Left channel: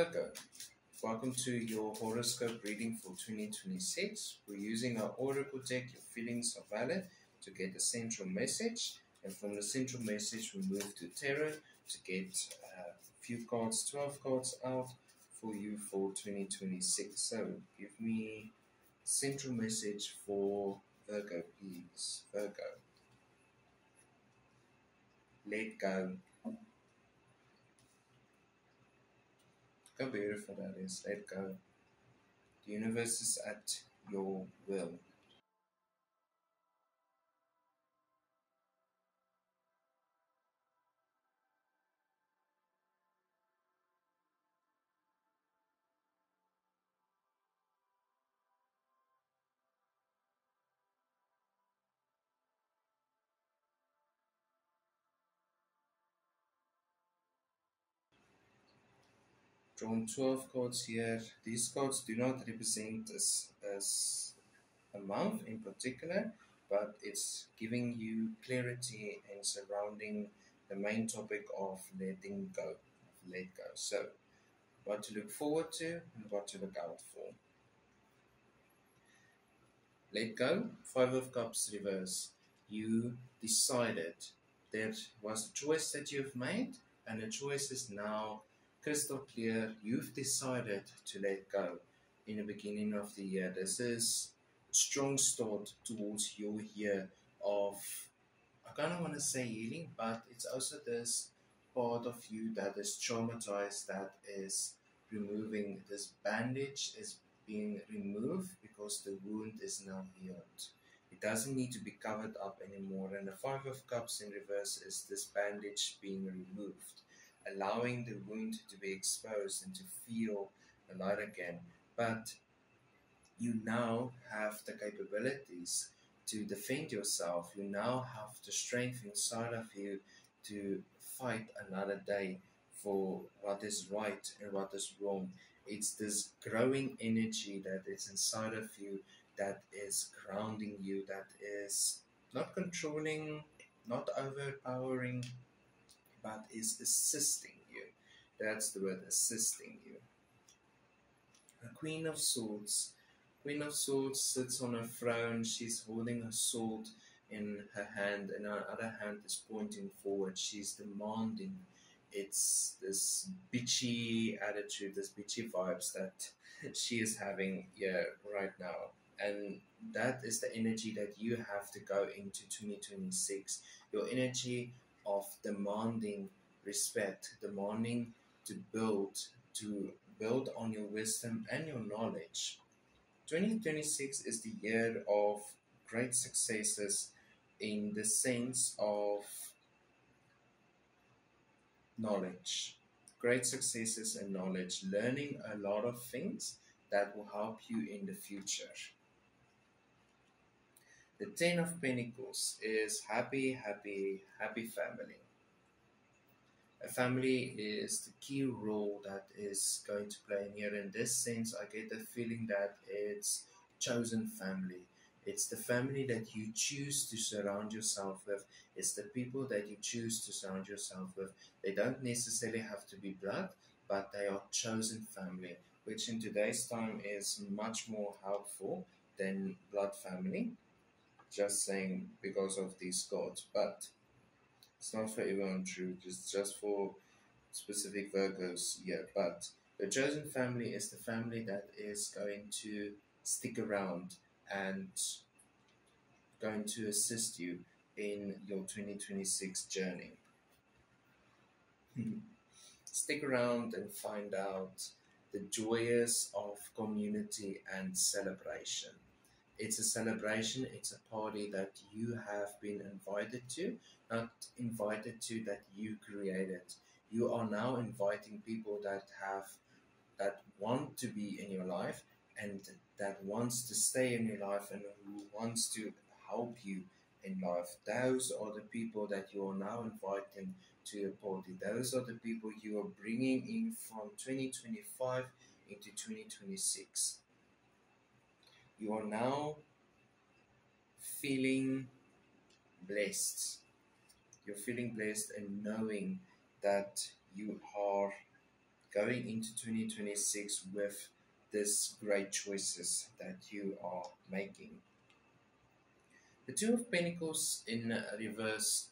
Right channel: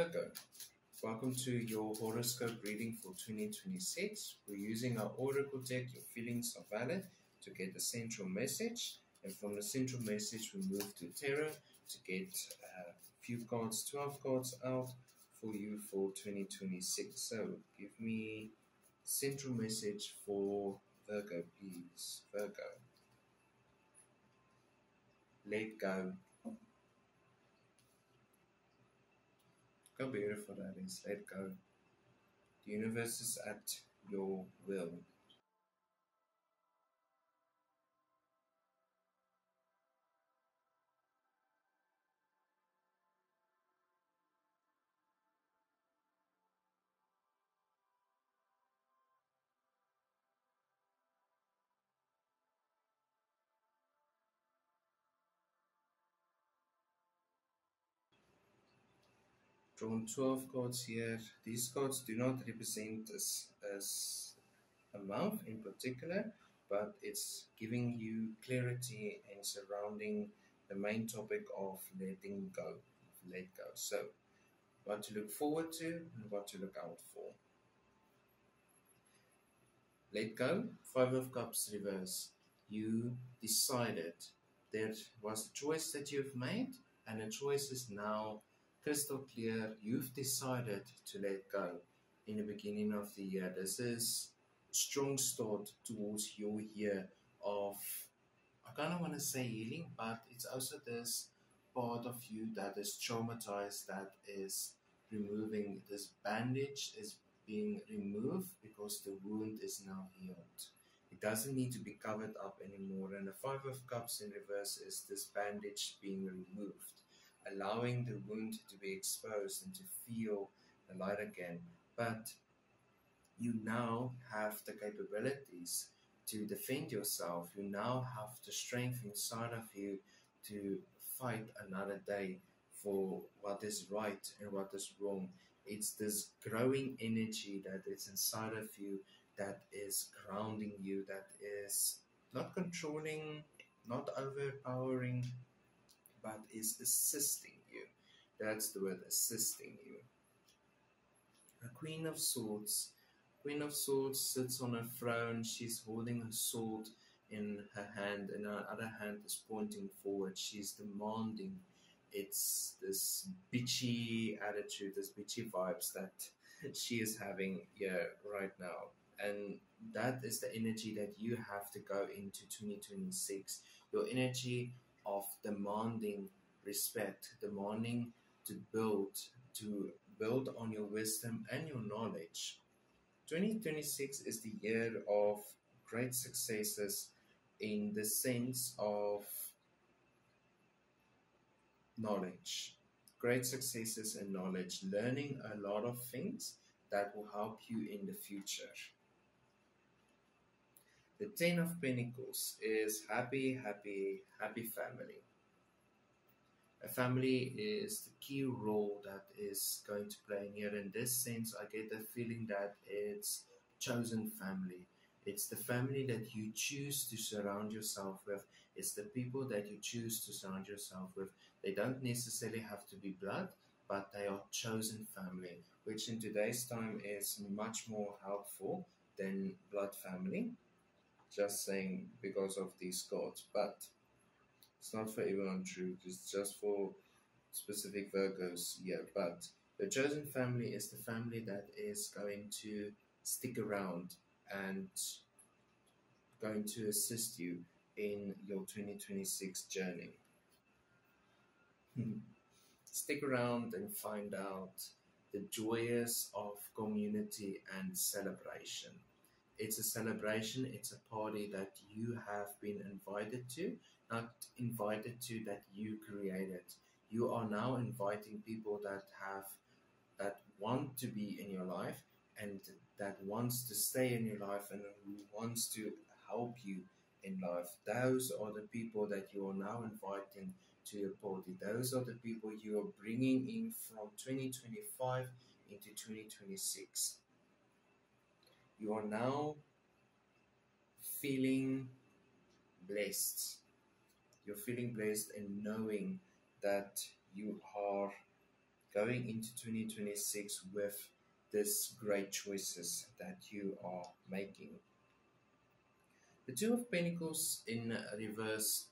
Virgo, welcome to your horoscope reading for 2026. We're using our oracle deck, Your Feelings Are Valid, to get the central message. And from the central message, we move to tarot to get a few cards, 12 cards out for you for 2026. So give me central message for Virgo, please. Virgo. Let go. How beautiful that is. Let go. The universe is at your will. Drawn 12 cards here. These cards do not represent as a month in particular, but it's giving you clarity and surrounding the main topic of letting go, let go. So, what to look forward to and what to look out for. Let go, 5 of Cups reverse. You decided. There was a choice that you've made, and the choice is now crystal clear. You've decided to let go in the beginning of the year. This is a strong start towards your year of, I kind of want to say healing, but it's also this part of you that is traumatized, that is removing. This bandage is being removed because the wound is now healed. It doesn't need to be covered up anymore. And the 5 of Cups in reverse is this bandage being removed, allowing the wound to be exposed and to feel the light again. But you now have the capabilities to defend yourself. You now have the strength inside of you to fight another day for what is right and what is wrong. It's this growing energy that is inside of you that is grounding you, that is not controlling, not overpowering, but is assisting you. That's the word, assisting you. The Queen of Swords. Queen of Swords sits on a throne. She's holding a sword in her hand, and her other hand is pointing forward. She's demanding. It's this bitchy attitude, this bitchy vibes that she is having here right now. And that is the energy that you have to go into 2026. Your energy of demanding respect, demanding to build on your wisdom and your knowledge. 2026 is the year of great successes in the sense of knowledge. Great successes and knowledge, learning a lot of things that will help you in the future. The 10 of Pentacles is happy, happy, happy family. A family is the key role that is going to play in here. In this sense, I get the feeling that it's chosen family. It's the family that you choose to surround yourself with. It's the people that you choose to surround yourself with. They don't necessarily have to be blood, but they are chosen family, which in today's time is much more helpful than blood family. Just saying, because of these cards, but it's not for everyone true. It's just for specific Virgos. Yeah, but the chosen family is the family that is going to stick around and going to assist you in your 2026 journey. Stick around and find out the joys of community and celebration. It's a celebration, it's a party that you have been invited to, not invited to that you created. You are now inviting people that want to be in your life and that wants to stay in your life and who wants to help you in life. Those are the people that you are now inviting to your party. Those are the people you are bringing in from 2025 into 2026. You are now feeling blessed. You're feeling blessed and knowing that you are going into 2026 with this great choices that you are making. The Two of Pentacles in reverse.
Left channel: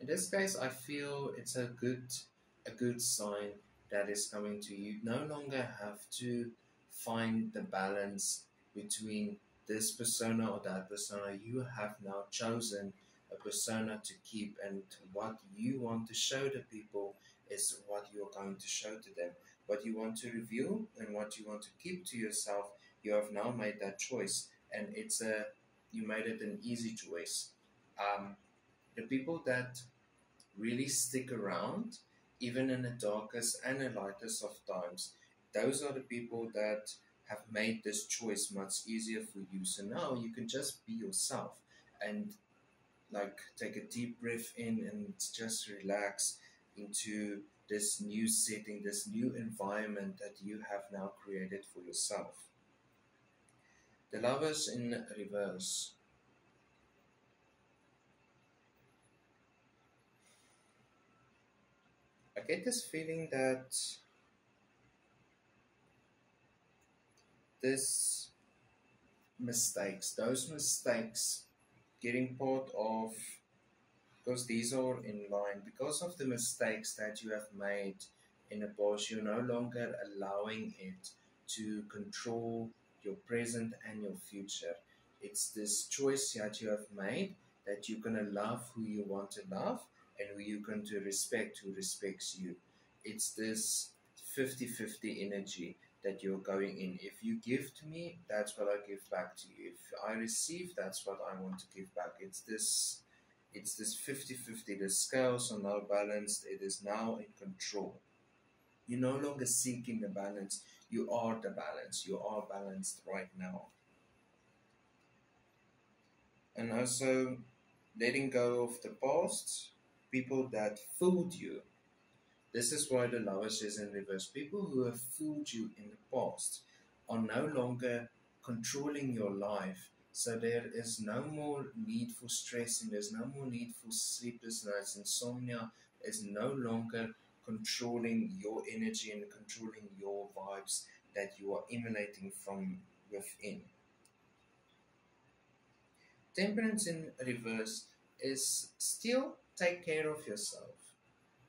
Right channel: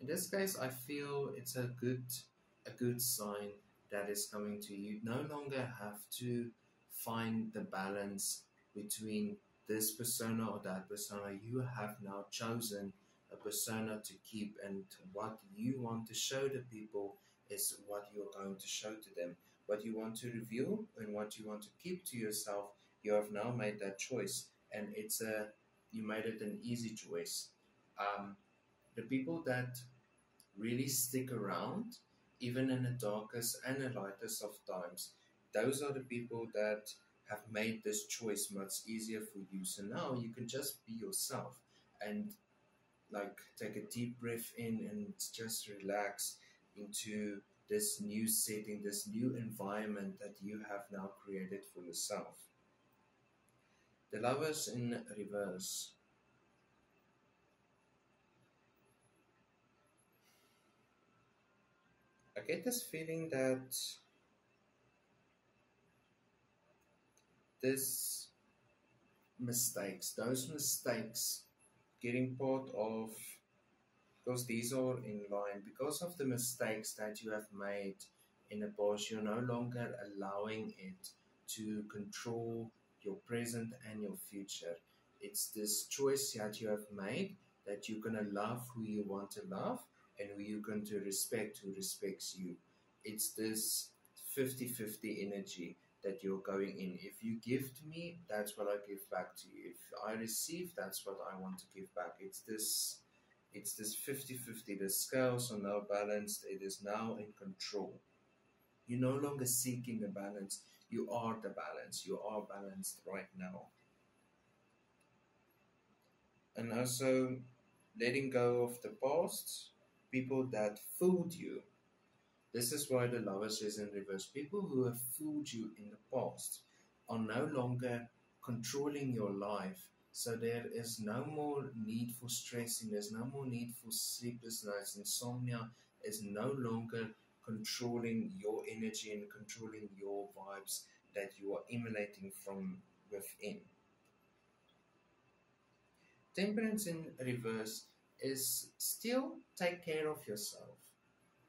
In this case, I feel it's a good sign that is coming to you. No longer have to find the balance between this persona or that persona. You have now chosen a persona to keep, and what you want to show the people is what you're going to show to them. What you want to reveal and what you want to keep to yourself, you have now made that choice, and you made it an easy choice. The people that really stick around, even in the darkest and the lightest of times, those are the people that have made this choice much easier for you. So now you can just be yourself and like take a deep breath in and just relax into this new setting, this new environment that you have now created for yourself. The Lovers in reverse. I get this feeling that this those mistakes, getting part of, because these are in line, because of the mistakes that you have made in the past, you're no longer allowing it to control your present and your future. It's this choice that you have made that you're going to love who you want to love and who you're going to respect who respects you. It's this 50-50 energy that you're going in. If you give to me, that's what I give back to you. If I receive, that's what I want to give back. It's this 50-50. The scales are now balanced. It is now in control. You're no longer seeking the balance. You are the balance. You are balanced right now. And also letting go of the past, people that fooled you. This is why the Lovers is in reverse. People who have fooled you in the past are no longer controlling your life. So there is no more need for stressing. There's no more need for sleepless nights. Insomnia is no longer controlling your energy and controlling your vibes that you are emanating from within. Temperance in reverse is still take care of yourself.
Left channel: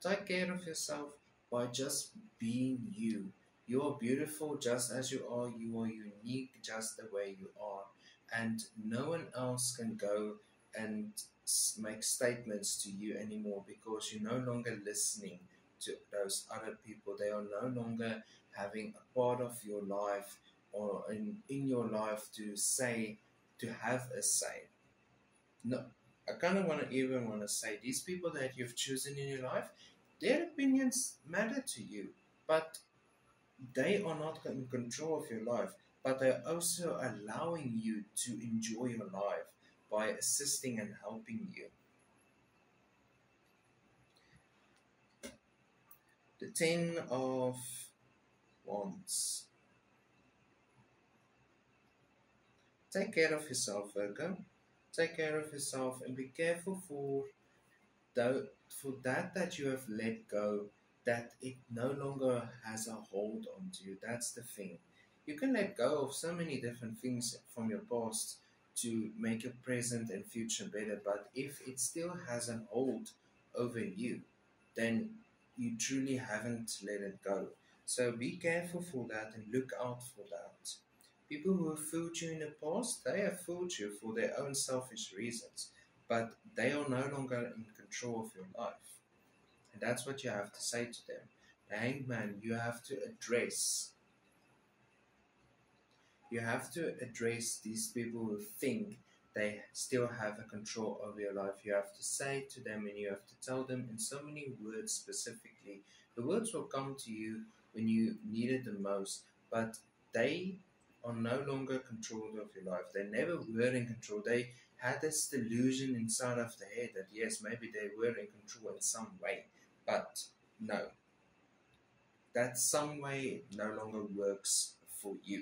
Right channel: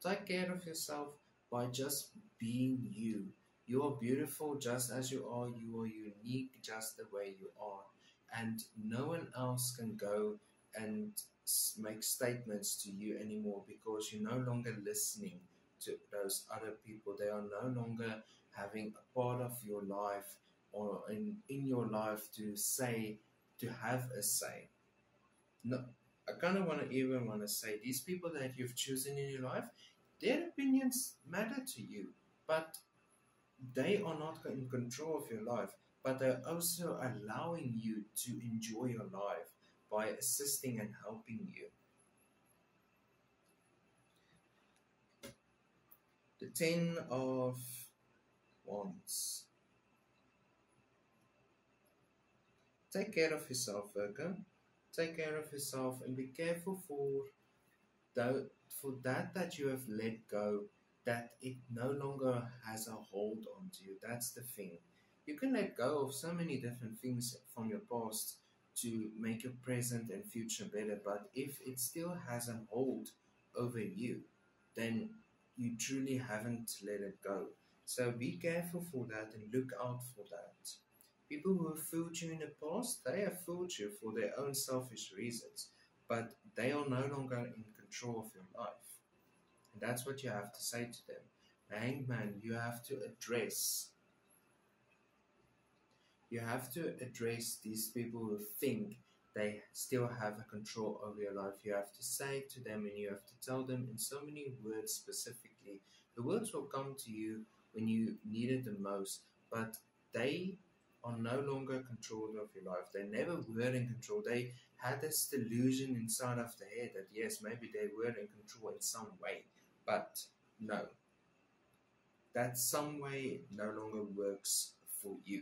Take care of yourself by just being you. You are beautiful just as you are. You are unique just the way you are. And no one else can go and make statements to you anymore because you're no longer listening to those other people. They are no longer having a part of your life or in your life to say, to have a say. No, I kind of even want to say these people that you've chosen in your life, their opinions matter to you, but they are not in control of your life, but they're also allowing you to enjoy your life by assisting and helping you. The Ten of Wands. Take care of yourself, Virgo. Take care of yourself and be careful for that you have let go, that it no longer has a hold onto you. That's the thing. You can let go of so many different things from your past to make your present and future better, but if it still has a hold over you, then you truly haven't let it go. So be careful for that and look out for that. People who have fooled you in the past, they have fooled you for their own selfish reasons, but they are no longer in control of your life. And that's what you have to say to them. The Hangman, you have to address these people who think they still have a control over your life. You have to say to them and you have to tell them in so many words specifically. The words will come to you when you need it the most, but they are no longer controlled of your life. They never were in control. They had this delusion inside of their head that yes, maybe they were in control in some way, but no, that some way no longer works for you.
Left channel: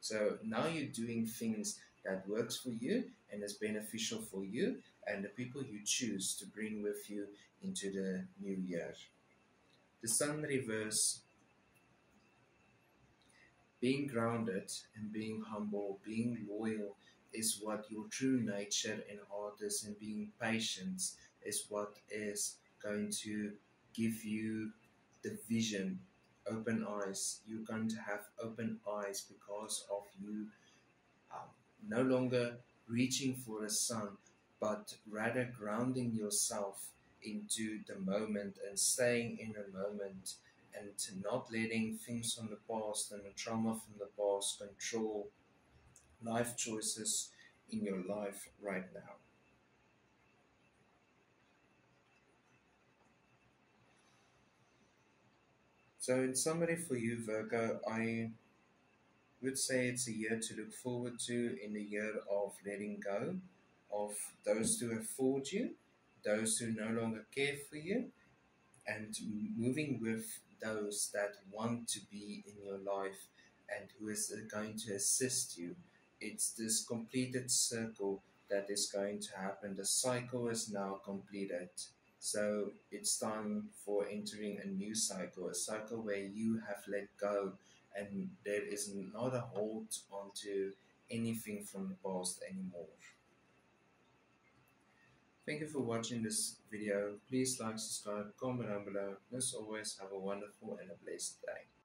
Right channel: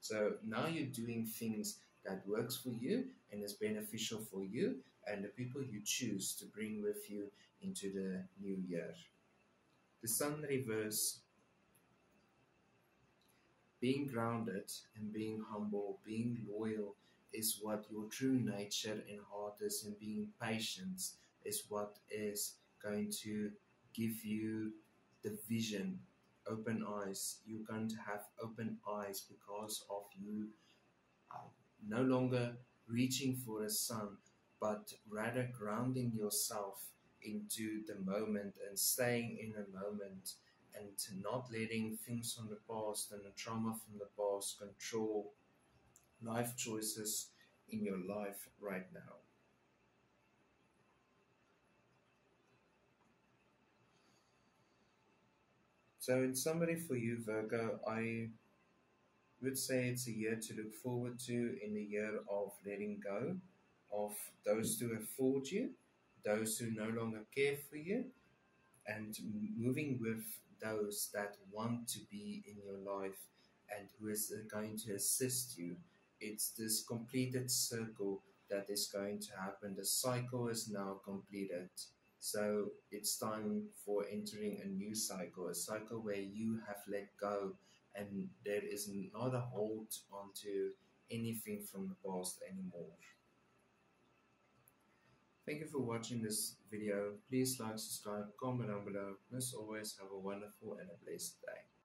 So now you're doing things that works for you and is beneficial for you and the people you choose to bring with you into the new year. The Sun reverse. Being grounded and being humble, being loyal is what your true nature and heart is, and being patient is what is going to give you the vision, open eyes. You're going to have open eyes because of you um, no longer reaching for a sun, but rather grounding yourself into the moment and staying in the moment and not letting things from the past and the trauma from the past control life choices in your life right now. So, in summary for you, Virgo, I would say it's a year to look forward to, in the year of letting go of those who have fooled you, those who no longer care for you, and moving with those that want to be in your life and who is going to assist you. It's this completed circle that is going to happen. The cycle is now completed. So it's time for entering a new cycle, a cycle where you have let go and there is not a hold onto anything from the past anymore. Thank you for watching this video. Please like, subscribe, comment down below. As always, have a wonderful and a blessed day.